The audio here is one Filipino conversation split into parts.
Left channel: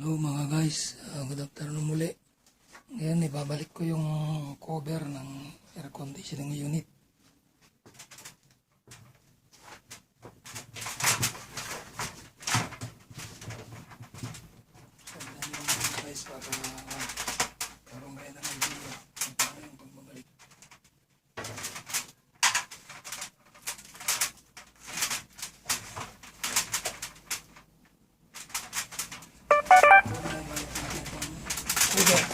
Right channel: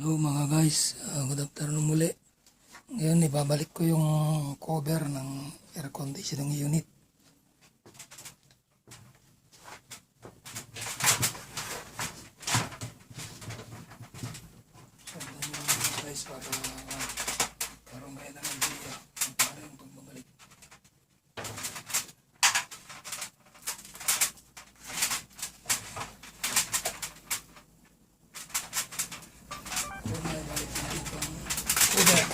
Hello mga guys, good afternoon muli. Ngayon ibabalik ko yung cover ng air conditioning unit. So yan yung mga guys para karoon kayo ng idea kung paano yung pagbabalik. So ibabalik natin itong cover.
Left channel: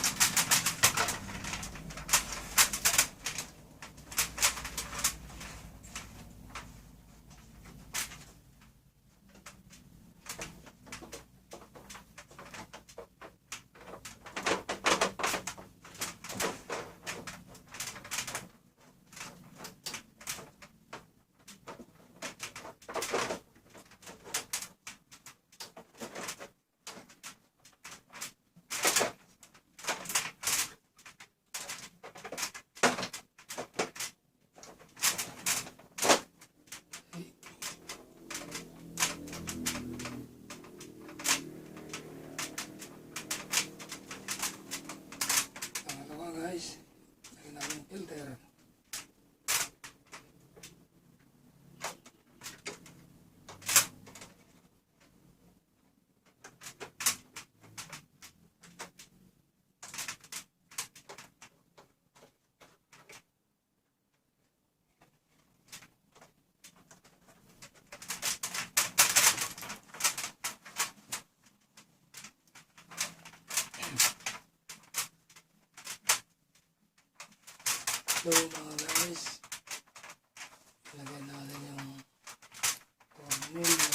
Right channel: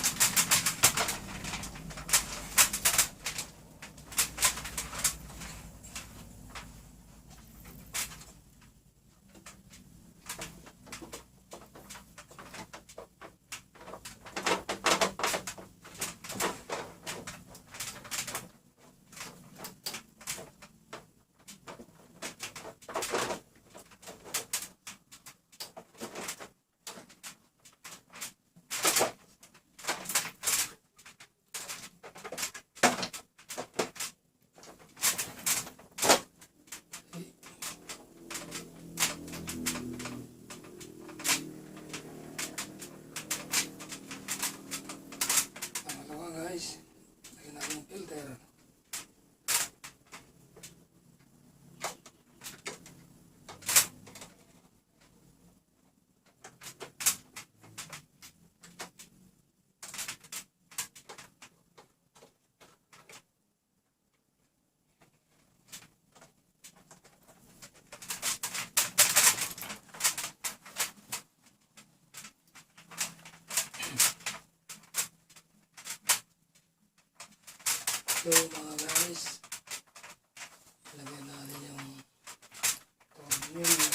Pangalawa guys, lagyan natin yung filter. So mga guys, lagyan natin yung tornilyo.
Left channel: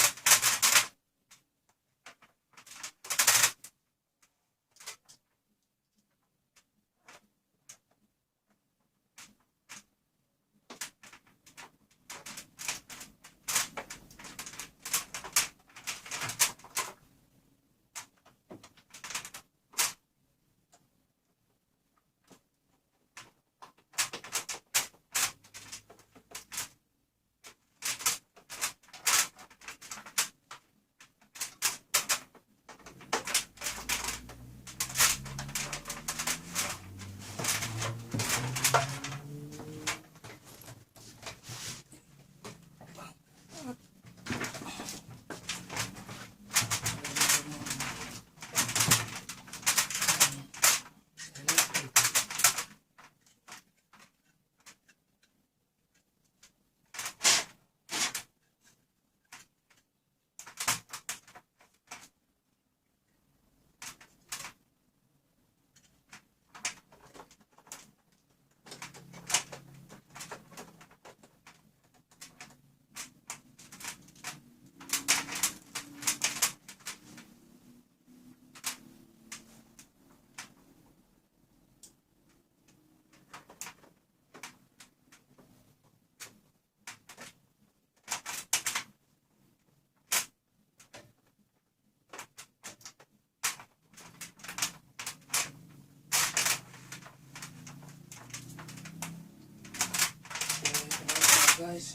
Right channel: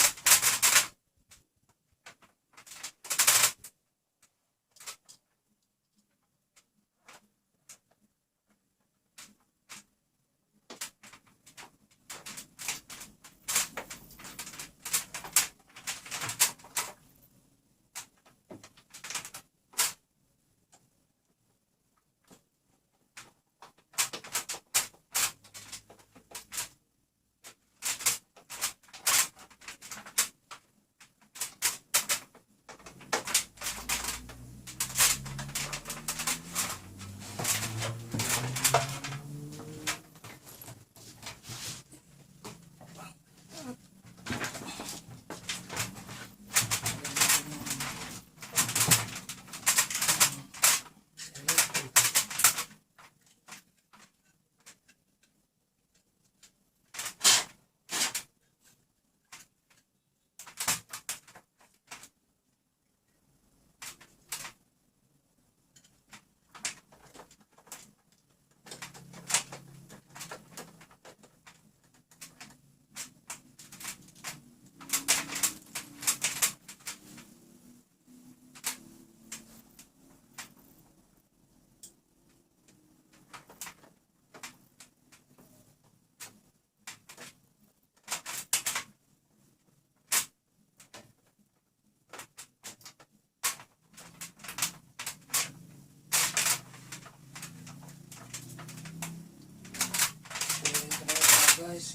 Guys,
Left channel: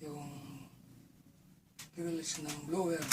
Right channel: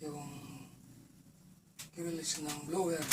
yung grills ng blower.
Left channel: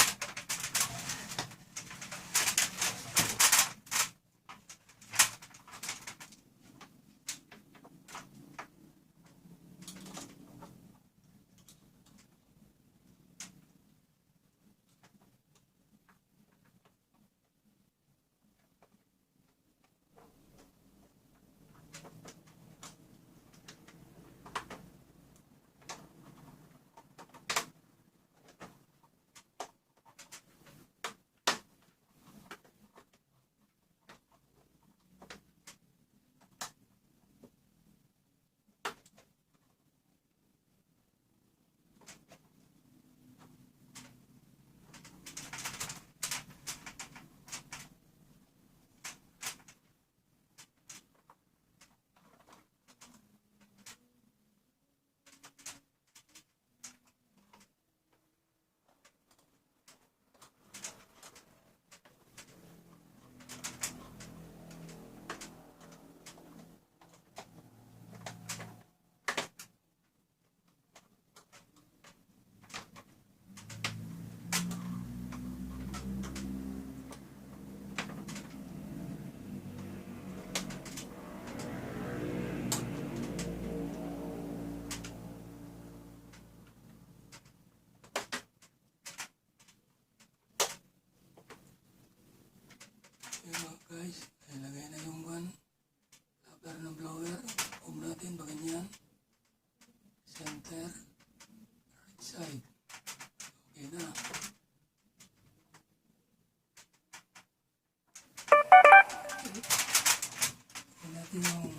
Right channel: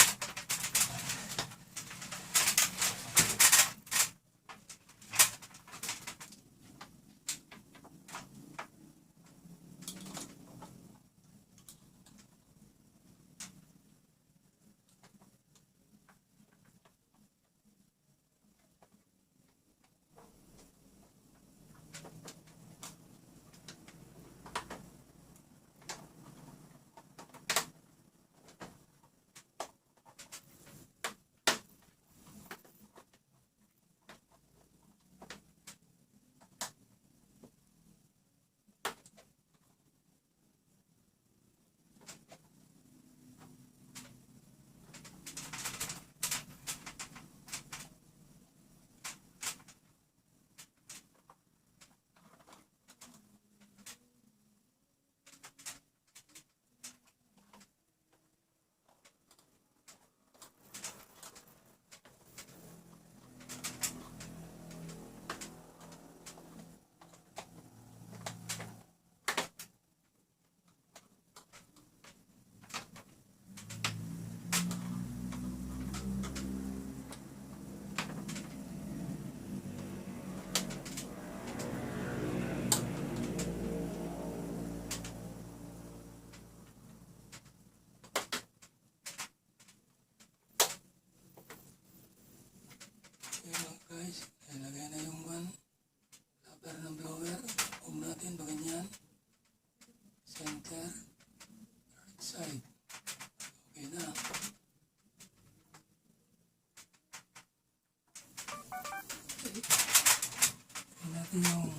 yung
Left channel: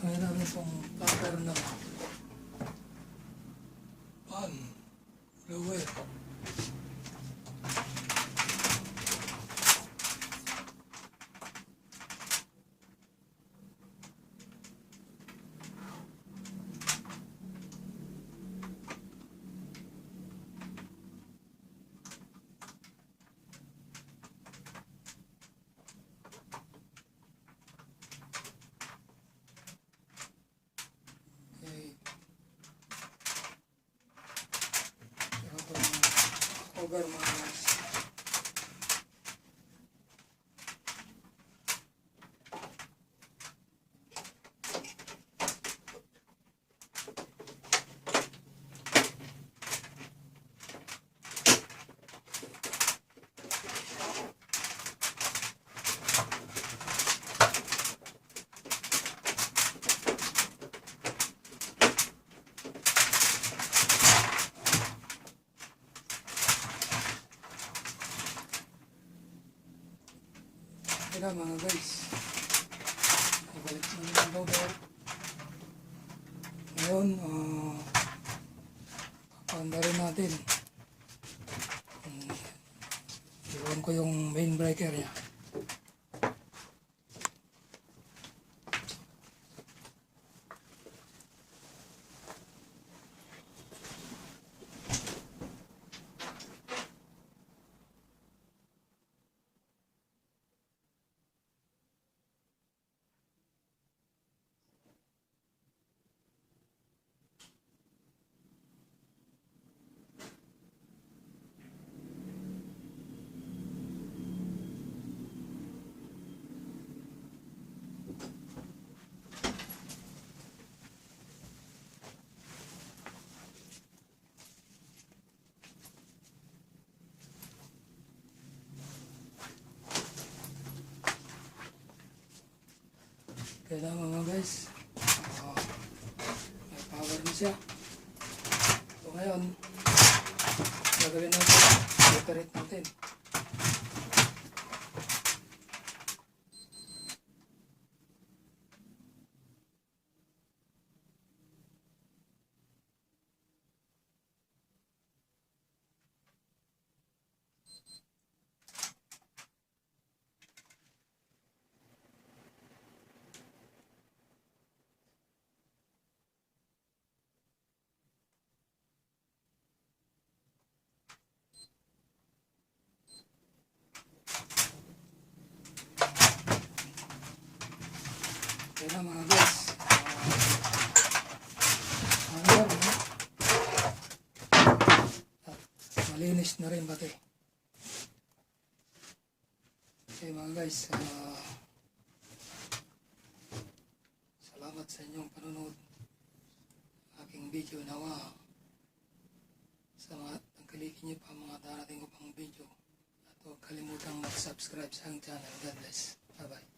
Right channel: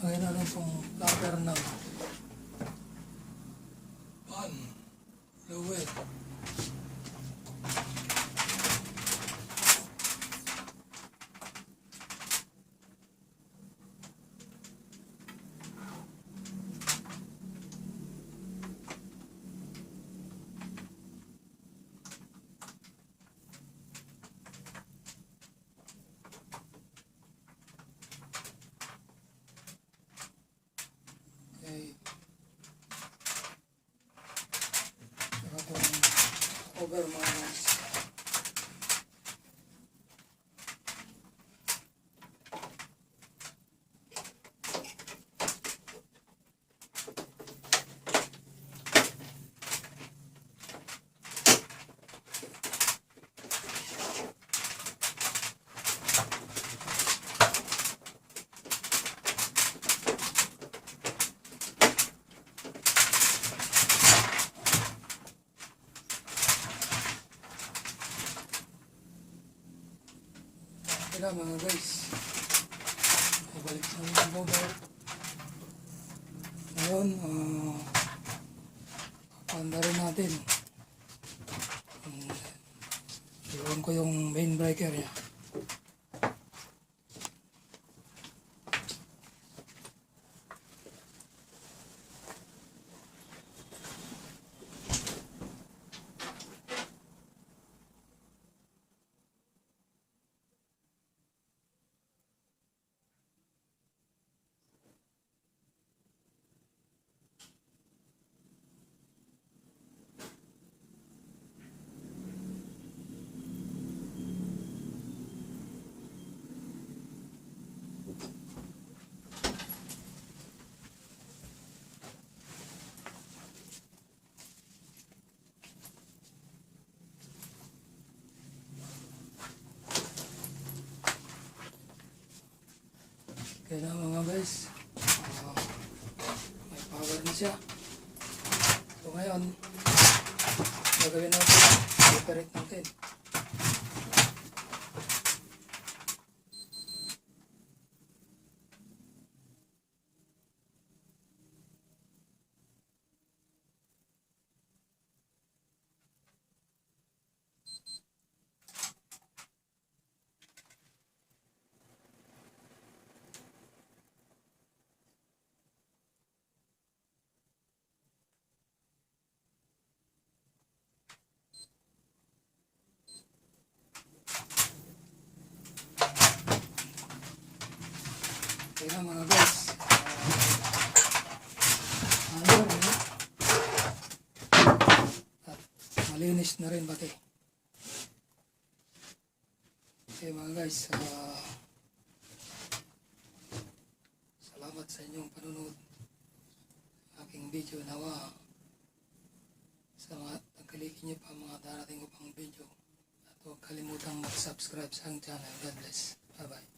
ngayon namin pong cover ng pan, fluid. Cover mga guys. Kaya mga guys, ibalik sa mga cover. Ngayon, papaanda rin natin. Iwan ko yung main breaker niya. Kaya na mga guys, may power na siya. So ngayon, gagawin natin, separate natin. Kaya na mga guys, at malinis na rin pati. Okay mga guys, salamat sa inyong panunod aking video. Nawa sa mga tagkalikin niyo pa mga darating ko pang video, at huwag kalimutang mag-subscribe sa aking channel. God bless. Bye bye.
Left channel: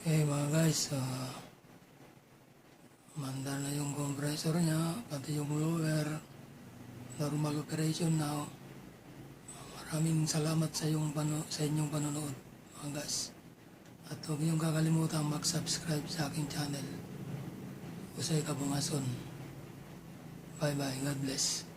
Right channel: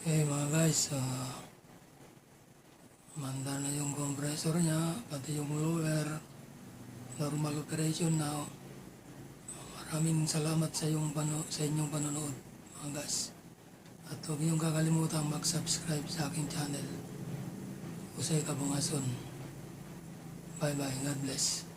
Okay mga guys, manda na yung compressor niya, pati yung blower, normal operation now. Maraming salamat sa inyong panonood mga guys. At huwag niyong kakalimutan mag-subscribe sa aking channel, Jose Cabungason. Bye bye, God bless.